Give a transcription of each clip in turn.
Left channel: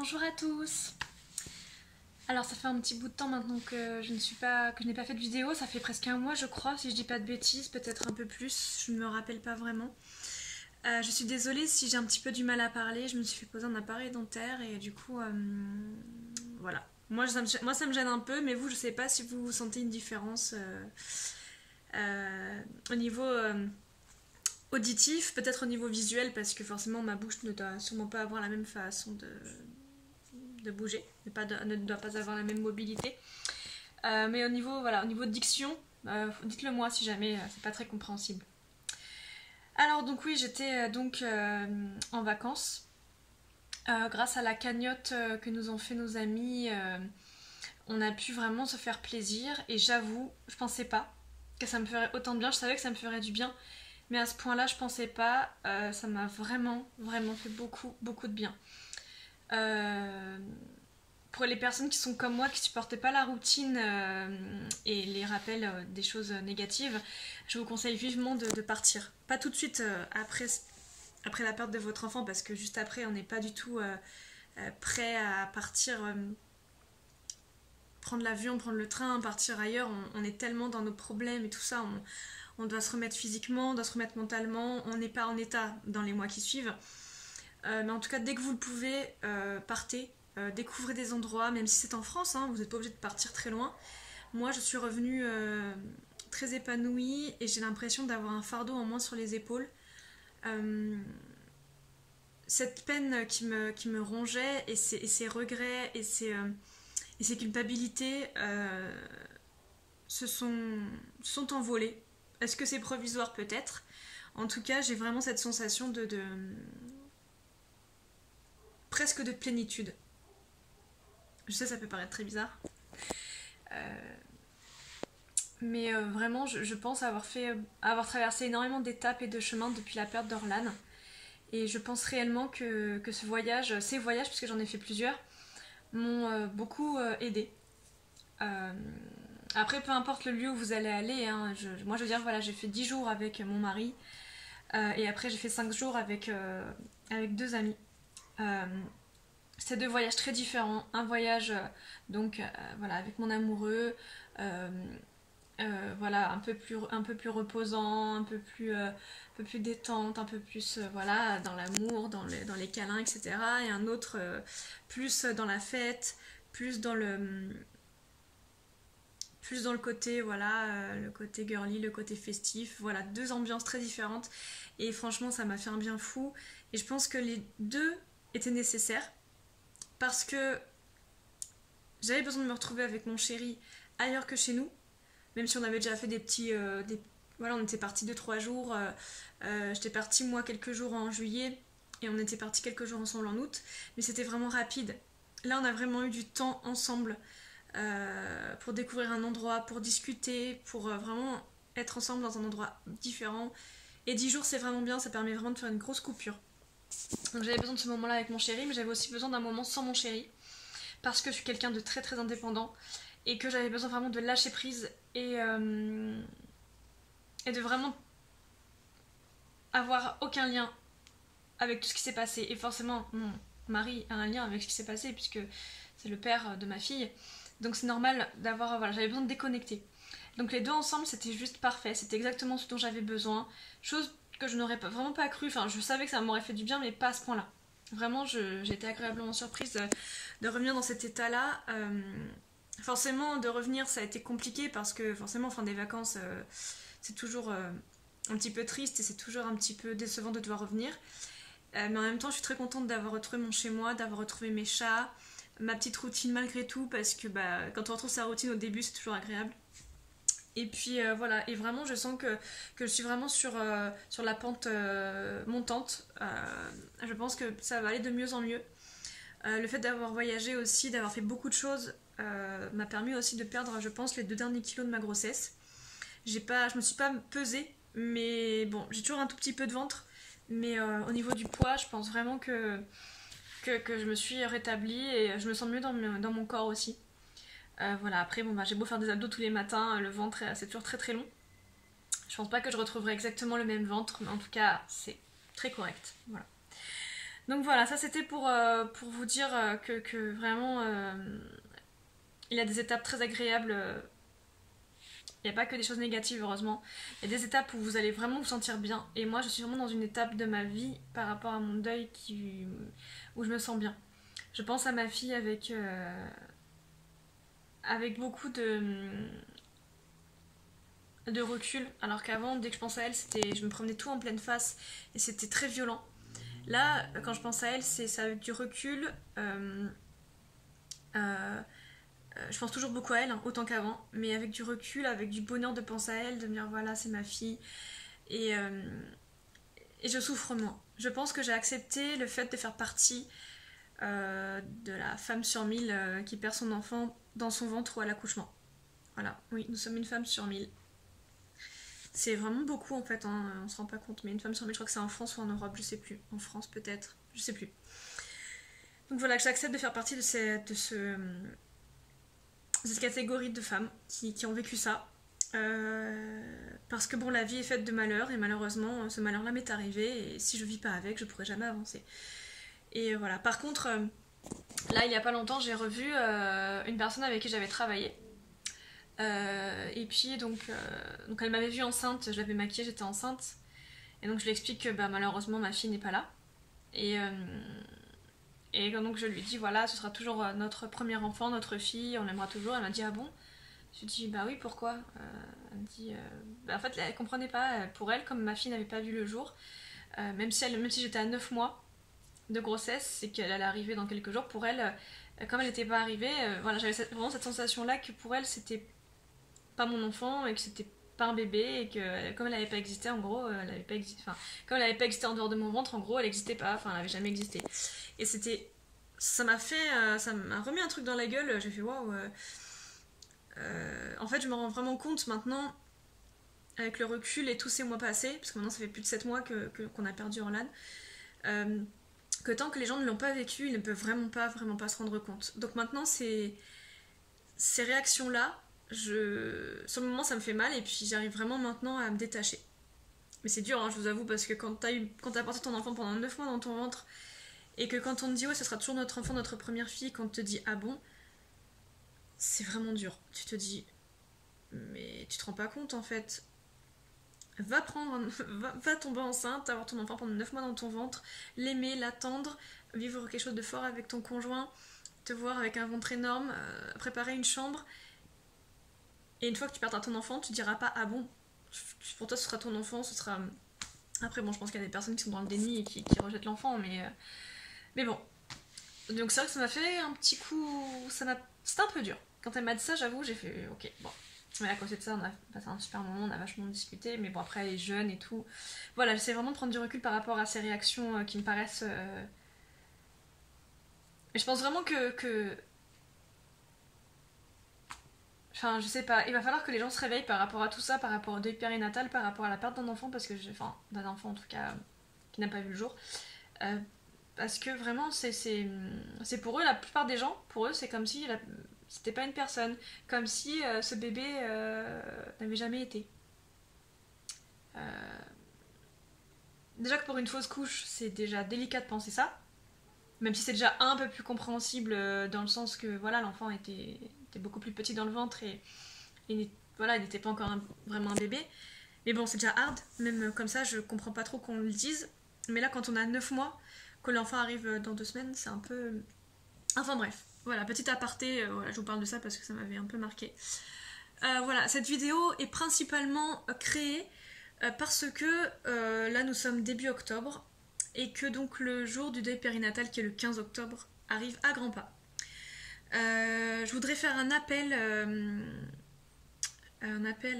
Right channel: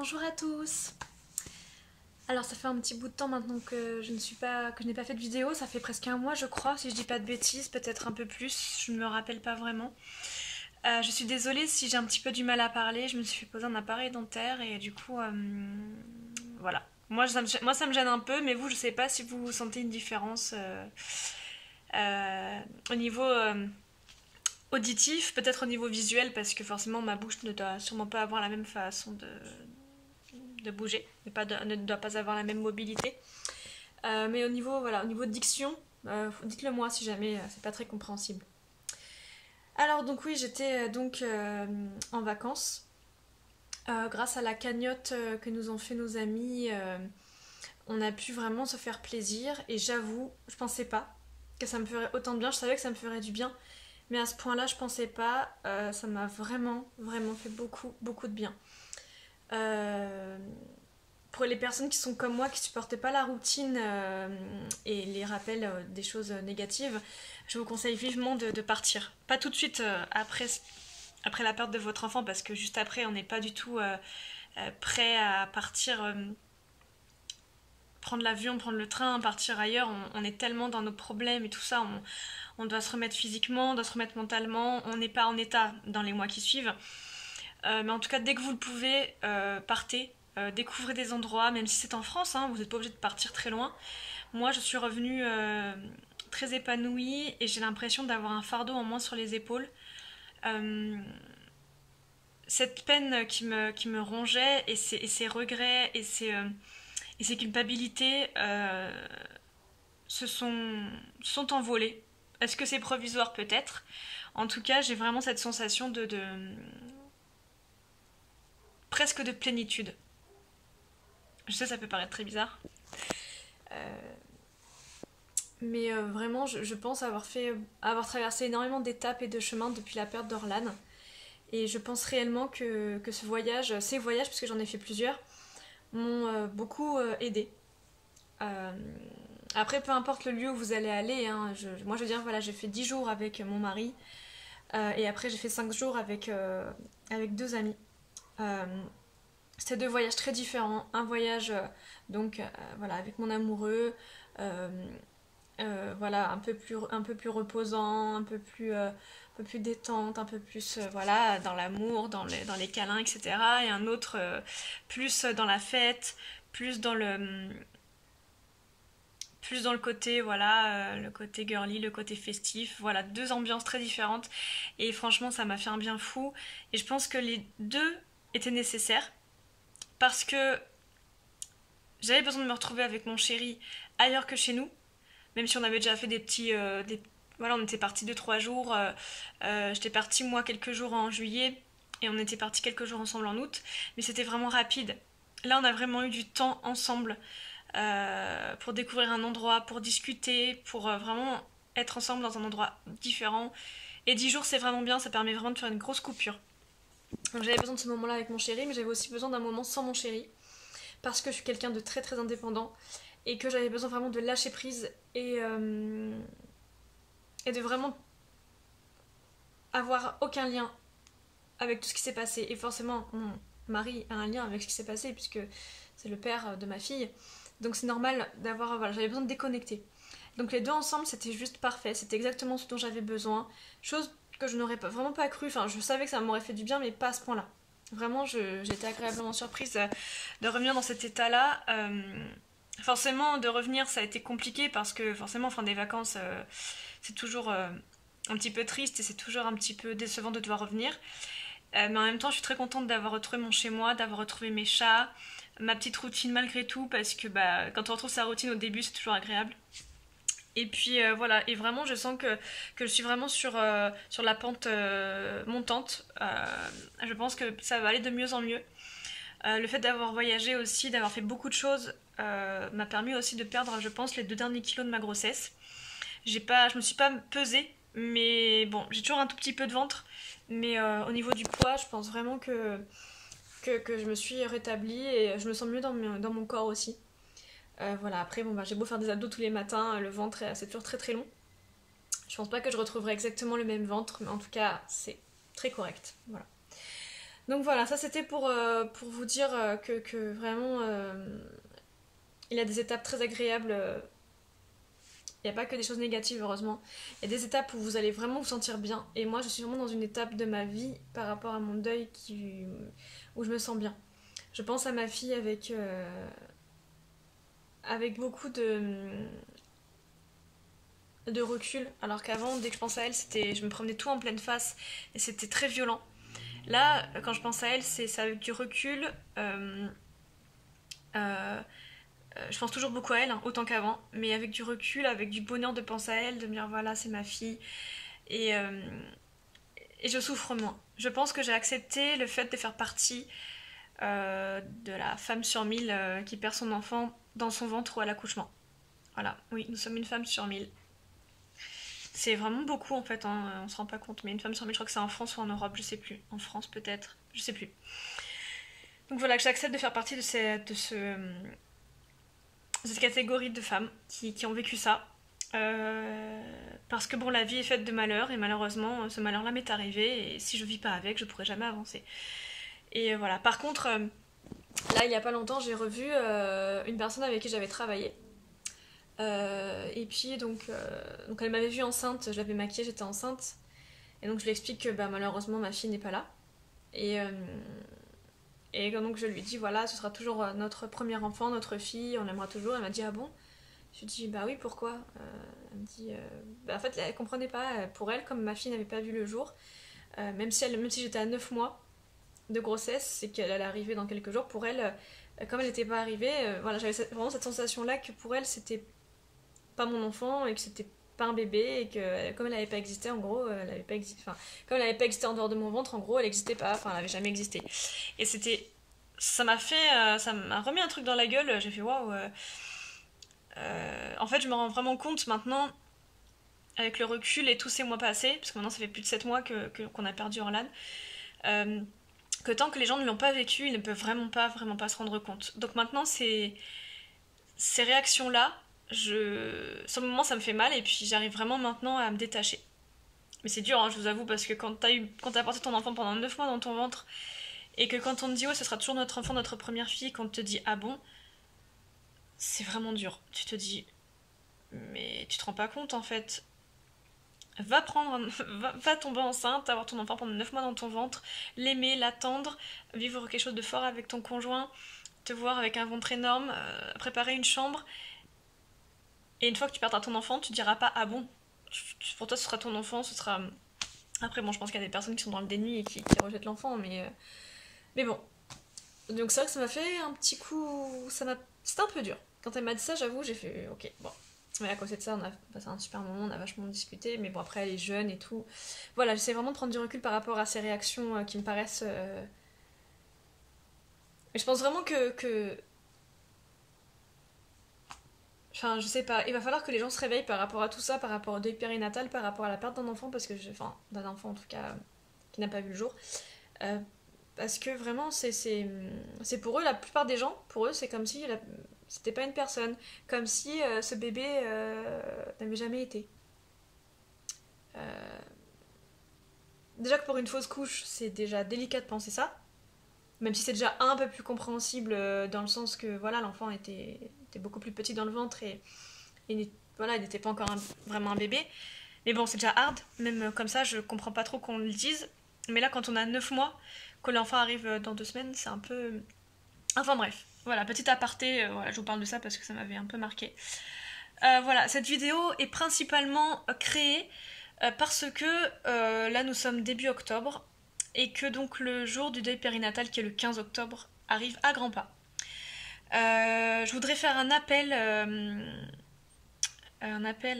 Bonjour à tous. Alors ça fait un petit bout de temps maintenant que je n'ai pas fait de vidéo, ça fait presque un mois je crois, si je dis pas de bêtises, peut-être un peu plus, je ne me rappelle pas vraiment. Je suis désolée si j'ai un petit peu du mal à parler, je me suis fait poser un appareil dentaire et du coup voilà. Moi ça me gêne un peu, mais vous je sais pas si vous sentez une différence au niveau auditif, peut-être au niveau visuel, parce que forcément ma bouche ne doit sûrement pas avoir la même façon de bouger, ne doit pas avoir la même mobilité. Mais au niveau, voilà, au niveau de diction, dites-le moi si jamais c'est pas très compréhensible. Alors donc oui, j'étais en vacances. Grâce à la cagnotte que nous ont fait nos amis, on a pu vraiment se faire plaisir. Et j'avoue, je pensais pas que ça me ferait autant de bien. Je savais que ça me ferait du bien, mais à ce point-là, je pensais pas. Ça m'a vraiment fait beaucoup de bien. Pour les personnes qui sont comme moi, qui supportent pas la routine et les rappels des choses négatives, je vous conseille vivement de partir. Pas tout de suite après la perte de votre enfant, parce que juste après, on n'est pas du tout prêt à partir, prendre l'avion, prendre le train, partir ailleurs. On est tellement dans nos problèmes et tout ça. On doit se remettre physiquement, on doit se remettre mentalement. On n'est pas en état dans les mois qui suivent. Mais en tout cas, dès que vous le pouvez, partez. Découvrez des endroits, même si c'est en France, hein, vous n'êtes pas obligé de partir très loin. Moi, je suis revenue très épanouie et j'ai l'impression d'avoir un fardeau en moins sur les épaules. Cette peine qui me rongeait et ces regrets et ces culpabilités sont envolées. Est-ce que c'est provisoire? Peut-être. En tout cas, j'ai vraiment cette sensation presque de plénitude. Je sais, ça peut paraître très bizarre. Mais vraiment, je pense avoir traversé énormément d'étapes et de chemins depuis la perte d'Orlan. Et je pense réellement que ces voyages, parce que j'en ai fait plusieurs, m'ont beaucoup aidé. Après, peu importe le lieu où vous allez aller, hein, moi je veux dire, voilà, j'ai fait 10 jours avec mon mari. Et après, j'ai fait 5 jours avec 2 amis. C'était 2 voyages très différents. Un voyage voilà, avec mon amoureux, voilà, un peu plus reposant, un peu plus détente, un peu plus voilà, dans l'amour, dans les câlins, etc. Et un autre plus dans la fête, plus dans le côté, voilà, le côté girly, le côté festif. Voilà, 2 ambiances très différentes. Et franchement, ça m'a fait un bien fou. Et je pense que les 2 étaient nécessaires. Parce que j'avais besoin de me retrouver avec mon chéri ailleurs que chez nous, même si on avait déjà fait des petits... voilà, on était partis 2-3 jours, j'étais partie moi quelques jours en juillet, et on était partis quelques jours ensemble en août, mais c'était vraiment rapide. Là, on a vraiment eu du temps ensemble pour découvrir un endroit, pour discuter, pour vraiment être ensemble dans un endroit différent. Et 10 jours, c'est vraiment bien, ça permet vraiment de faire une grosse coupure. Donc j'avais besoin de ce moment-là avec mon chéri, mais j'avais aussi besoin d'un moment sans mon chéri, parce que je suis quelqu'un de très très indépendant, et que j'avais besoin vraiment de lâcher prise et de vraiment avoir aucun lien avec tout ce qui s'est passé. Et forcément, mon mari a un lien avec ce qui s'est passé, puisque c'est le père de ma fille. Donc c'est normal d'avoir... Voilà, j'avais besoin de déconnecter. Donc les 2 ensemble, c'était juste parfait. C'était exactement ce dont j'avais besoin. Chose que je n'aurais vraiment pas cru. Enfin, je savais que ça m'aurait fait du bien, mais pas à ce point-là. Vraiment, j'étais agréablement surprise de revenir dans cet état-là. Forcément, de revenir, ça a été compliqué parce que forcément, fin des vacances, c'est toujours un petit peu triste et c'est toujours un petit peu décevant de devoir revenir. Mais en même temps, je suis très contente d'avoir retrouvé mon chez-moi, d'avoir retrouvé mes chats, ma petite routine malgré tout, parce que quand on retrouve sa routine au début, c'est toujours agréable. Et puis voilà, et vraiment je sens que je suis vraiment sur la pente montante. Je pense que ça va aller de mieux en mieux. Le fait d'avoir voyagé aussi, d'avoir fait beaucoup de choses, m'a permis aussi de perdre, je pense, les 2 derniers kilos de ma grossesse. Je me suis pas pesée, mais bon, j'ai toujours un tout petit peu de ventre. Mais au niveau du poids, je pense vraiment que je me suis rétablie et je me sens mieux dans mon corps aussi. Voilà, après, j'ai beau faire des abdos tous les matins, le ventre, c'est toujours très très long. Je pense pas que je retrouverai exactement le même ventre, mais en tout cas, c'est très correct. Voilà. Donc voilà, ça c'était pour vous dire que vraiment il y a des étapes très agréables. Il n'y a pas que des choses négatives, heureusement. Il y a des étapes où vous allez vraiment vous sentir bien. Et moi, je suis vraiment dans une étape de ma vie par rapport à mon deuil où je me sens bien. Je pense à ma fille avec beaucoup de recul. Alors qu'avant, dès que je pense à elle, je me prenais tout en pleine face et c'était très violent. Là, quand je pense à elle, c'est ça avec du recul. Je pense toujours beaucoup à elle, hein, autant qu'avant, mais avec du recul, avec du bonheur de penser à elle, de me dire voilà, c'est ma fille. Et, euh, et je souffre moins. Je pense que j'ai accepté le fait de faire partie de la femme sur 1000 qui perd son enfant dans son ventre ou à l'accouchement. Voilà, oui, nous sommes une femme sur 1000. C'est vraiment beaucoup en fait, hein, on se rend pas compte, mais une femme sur 1000, je crois que c'est en France ou en Europe, je sais plus. En France peut-être, je sais plus. Donc voilà, que j'accepte de faire partie de cette catégorie de femmes qui ont vécu ça. Parce que bon, la vie est faite de malheurs et malheureusement, ce malheur-là m'est arrivé et si je vis pas avec, je pourrais jamais avancer. Et voilà. Par contre, là, il y a pas longtemps, j'ai revu une personne avec qui j'avais travaillé. Et puis donc elle m'avait vue enceinte, je l'avais maquillée, j'étais enceinte. Et donc je lui explique que bah, malheureusement ma fille n'est pas là. Et donc je lui dis voilà, ce sera toujours notre premier enfant, notre fille, on l'aimera toujours. Elle m'a dit ah bon? Je lui dis bah oui, pourquoi? Elle me dit bah, en fait elle comprenait pas, pour elle, comme ma fille n'avait pas vu le jour, même si j'étais à 9 mois de grossesse, c'est qu'elle allait arriver dans quelques jours, pour elle, comme elle n'était pas arrivée, voilà, j'avais vraiment cette sensation là que pour elle c'était pas mon enfant et que c'était pas un bébé et que comme elle n'avait pas existé en gros, elle avait pas existé, enfin comme elle n'avait pas existé en dehors de mon ventre, en gros elle n'existait pas, enfin elle avait jamais existé. Et ça m'a remis un truc dans la gueule. J'ai fait waouh. En fait, je me rends vraiment compte maintenant, avec le recul et tous ces mois passés, parce que maintenant ça fait plus de 7 mois qu'on a perdu Orlan, que tant que les gens ne l'ont pas vécu, ils ne peuvent vraiment pas se rendre compte. Donc maintenant, ces réactions-là, sur le moment ça me fait mal et puis j'arrive vraiment maintenant à me détacher. Mais c'est dur, hein, je vous avoue, parce que quand t'as porté ton enfant pendant 9 mois dans ton ventre et que quand on te dit ouais ce sera toujours notre enfant, notre première fille, quand on te dit ah bon, c'est vraiment dur. Tu te dis mais tu te rends pas compte en fait. Va tomber enceinte, avoir ton enfant pendant 9 mois dans ton ventre, l'aimer, l'attendre, vivre quelque chose de fort avec ton conjoint, te voir avec un ventre énorme, préparer une chambre. Et une fois que tu perdras ton enfant, tu diras pas ah bon, pour toi ce sera ton enfant, ce sera. Après bon, je pense qu'il y a des personnes qui sont dans le déni et qui rejettent l'enfant, mais bon. Donc c'est vrai que ça m'a fait un petit coup, c'était un peu dur. Quand elle m'a dit ça, j'avoue, j'ai fait ok, bon. Mais à côté de ça, on a passé un super moment, on a vachement discuté, mais bon après elle est jeune et tout. Voilà, j'essaie vraiment de prendre du recul par rapport à ces réactions qui me paraissent. Mais je pense vraiment que. Enfin, je sais pas, il va falloir que les gens se réveillent par rapport à tout ça, par rapport au deuil périnatal, par rapport à la perte d'un enfant, parce que enfin, d'un enfant en tout cas, qui n'a pas vu le jour. Parce que vraiment, c'est pour eux, la plupart des gens, pour eux, c'est comme si c'était pas une personne, comme si ce bébé n'avait jamais été. Déjà que pour une fausse couche, c'est déjà délicat de penser ça, même si c'est déjà un peu plus compréhensible dans le sens que voilà, l'enfant était beaucoup plus petit dans le ventre et voilà, il n'était pas encore vraiment un bébé. Mais bon, c'est déjà hard, même comme ça, je comprends pas trop qu'on le dise. Mais là, quand on a 9 mois, que l'enfant arrive dans 2 semaines, c'est un peu. Enfin bref, voilà, petit aparté, voilà, je vous parle de ça parce que ça m'avait un peu marqué. Voilà, cette vidéo est principalement créée parce que là nous sommes début octobre et que donc le jour du deuil périnatal qui est le 15 octobre arrive à grands pas. Je voudrais faire un appel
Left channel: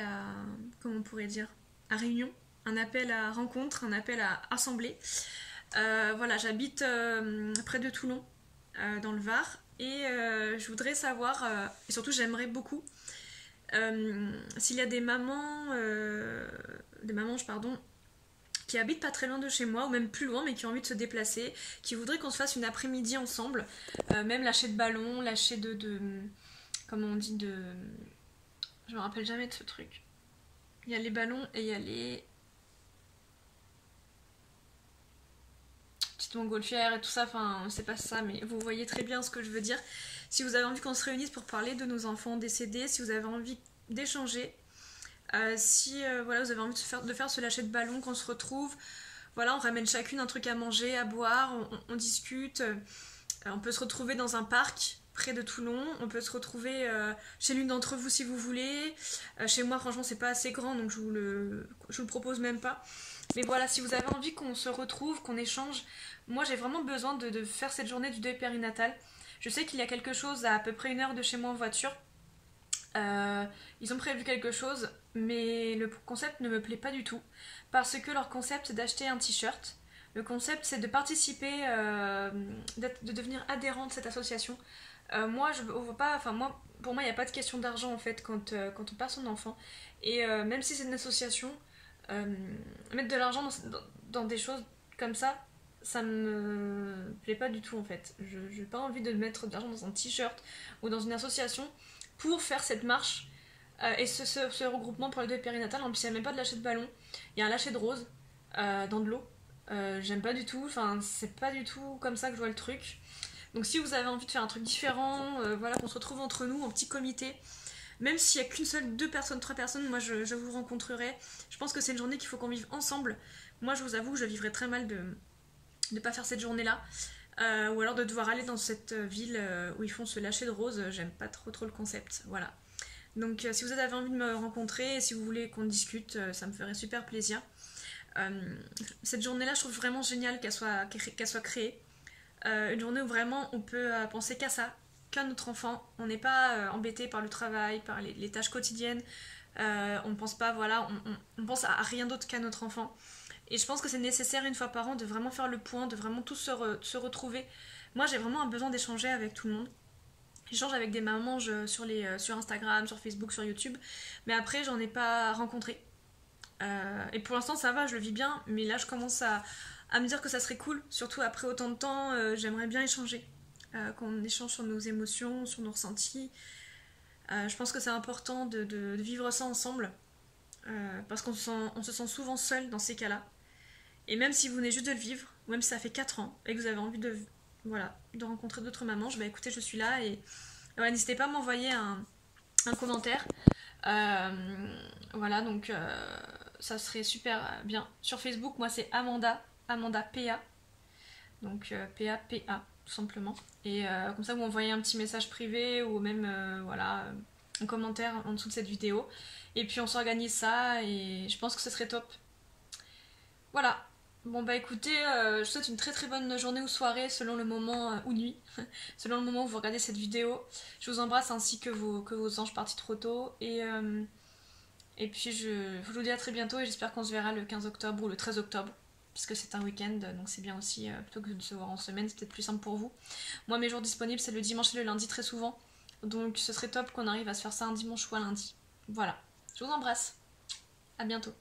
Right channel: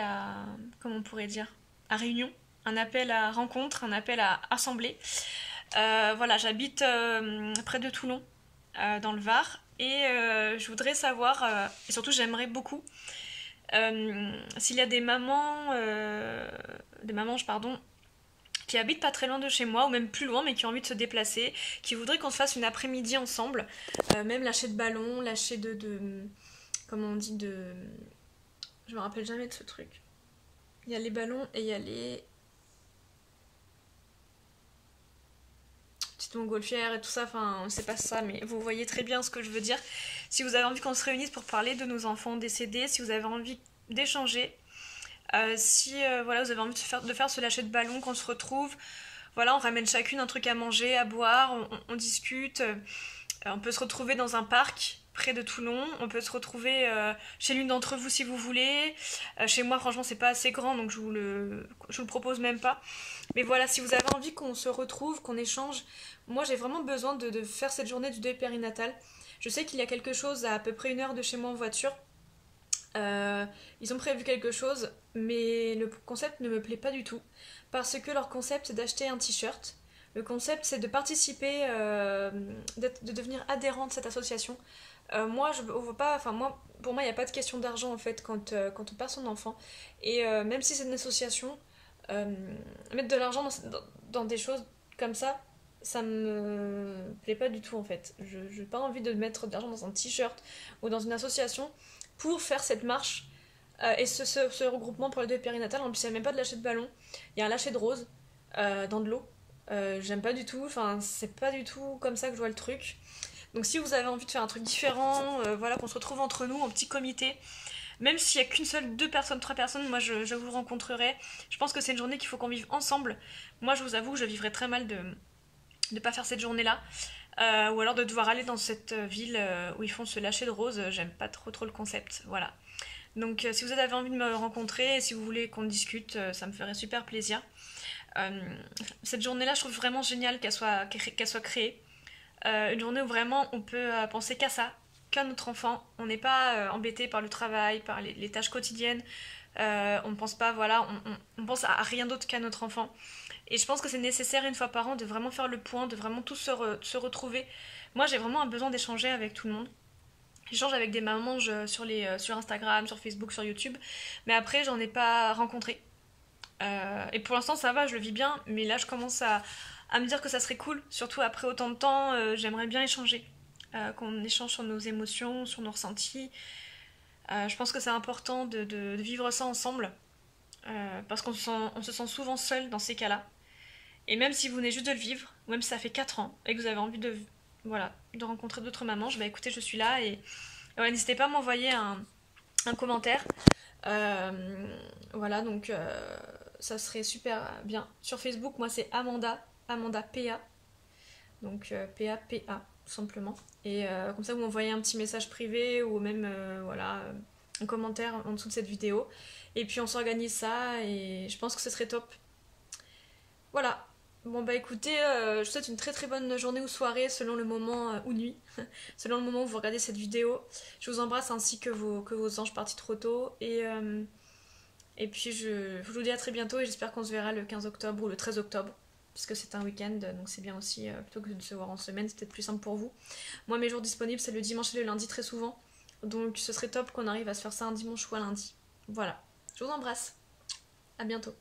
à, comment on pourrait dire, à réunion, un appel à rencontre, un appel à assemblée. Voilà, j'habite près de Toulon, dans le Var, et je voudrais savoir, et surtout j'aimerais beaucoup, s'il y a des mamans, qui habitent pas très loin de chez moi, ou même plus loin, mais qui ont envie de se déplacer, qui voudraient qu'on se fasse une après-midi ensemble, même lâcher de ballon, lâcher comment on dit, je me rappelle jamais de ce truc. Il y a les ballons et il y a les... Tu petite montgolfière et tout ça, enfin c'est pas ça, mais vous voyez très bien ce que je veux dire. Si vous avez envie qu'on se réunisse pour parler de nos enfants décédés, si vous avez envie d'échanger, si voilà, vous avez envie de faire ce lâcher de ballon, qu'on se retrouve, voilà, on ramène chacune un truc à manger, à boire, on discute, on peut se retrouver dans un parc près de Toulon, on peut se retrouver chez l'une d'entre vous si vous voulez, chez moi franchement c'est pas assez grand donc je vous le propose même pas, mais voilà, si vous avez envie qu'on se retrouve, qu'on échange, moi j'ai vraiment besoin de faire cette journée du deuil périnatal. Je sais qu'il y a quelque chose à peu près 1 heure de chez moi en voiture, ils ont prévu quelque chose, mais le concept ne me plaît pas du tout, parce que leur concept c'est d'acheter un t-shirt. Le concept c'est de participer, de devenir adhérent de cette association. Moi, je vois pas, enfin moi, pour moi, il n'y a pas de question d'argent en fait quand on perd son enfant. Et même si c'est une association, mettre de l'argent dans des choses comme ça me plaît pas du tout en fait. Je n'ai pas envie de mettre de l'argent dans un t-shirt ou dans une association pour faire cette marche et ce regroupement pour le deuil périnatal. En plus, il n'y a même pas de lâcher de ballon, il y a un lâcher de rose dans de l'eau. J'aime pas du tout, enfin, c'est pas du tout comme ça que je vois le truc. Donc si vous avez envie de faire un truc différent, voilà, qu'on se retrouve entre nous en petit comité, même s'il n'y a qu'une seule, 2 personnes, 3 personnes, moi je vous rencontrerai. Je pense que c'est une journée qu'il faut qu'on vive ensemble. Moi je vous avoue que je vivrais très mal de ne pas faire cette journée-là. Ou alors de devoir aller dans cette ville où ils font ce lâcher de rose. J'aime pas trop le concept, voilà. Donc si vous avez envie de me rencontrer, si vous voulez qu'on discute, ça me ferait super plaisir. Cette journée-là, je trouve vraiment génial qu'elle soit créée. Une journée où vraiment on peut penser qu'à ça, qu'à notre enfant. On n'est pas embêté par le travail, par les tâches quotidiennes. On ne pense pas, voilà, on pense à rien d'autre qu'à notre enfant. Et je pense que c'est nécessaire 1 fois par an de vraiment faire le point, de vraiment tous se retrouver. Moi, j'ai vraiment un besoin d'échanger avec tout le monde. J'échange avec des mamans sur Instagram, sur Facebook, sur YouTube. Mais après, j'en ai pas rencontré. Et pour l'instant, ça va, je le vis bien. Mais là, je commence à me dire que ça serait cool, surtout après autant de temps, j'aimerais bien échanger, qu'on échange sur nos émotions, sur nos ressentis. Je pense que c'est important de vivre ça ensemble, parce qu'on se sent souvent seul dans ces cas-là. Et même si vous venez juste de le vivre, ou même si ça fait 4 ans, et que vous avez envie de rencontrer d'autres mamans, écoutez, je suis là, et voilà, n'hésitez pas à m'envoyer un commentaire. Voilà, donc ça serait super bien. Sur Facebook, moi c'est Amanda PA, donc PA, tout simplement. Et comme ça, vous m'envoyez un petit message privé ou même un commentaire en dessous de cette vidéo. Et puis on s'organise ça et je pense que ce serait top. Voilà. Bon écoutez, je vous souhaite une très très bonne journée ou soirée selon le moment ou nuit, selon le moment où vous regardez cette vidéo. Je vous embrasse ainsi que vos anges partis trop tôt. Et puis je vous dis à très bientôt et j'espère qu'on se verra le 15 octobre ou le 13 octobre. Puisque c'est un week-end, donc c'est bien aussi, plutôt que de se voir en semaine, c'est peut-être plus simple pour vous. Moi, mes jours disponibles, c'est le dimanche et le lundi très souvent. Donc ce serait top qu'on arrive à se faire ça un dimanche ou un lundi. Voilà. Je vous embrasse. À bientôt.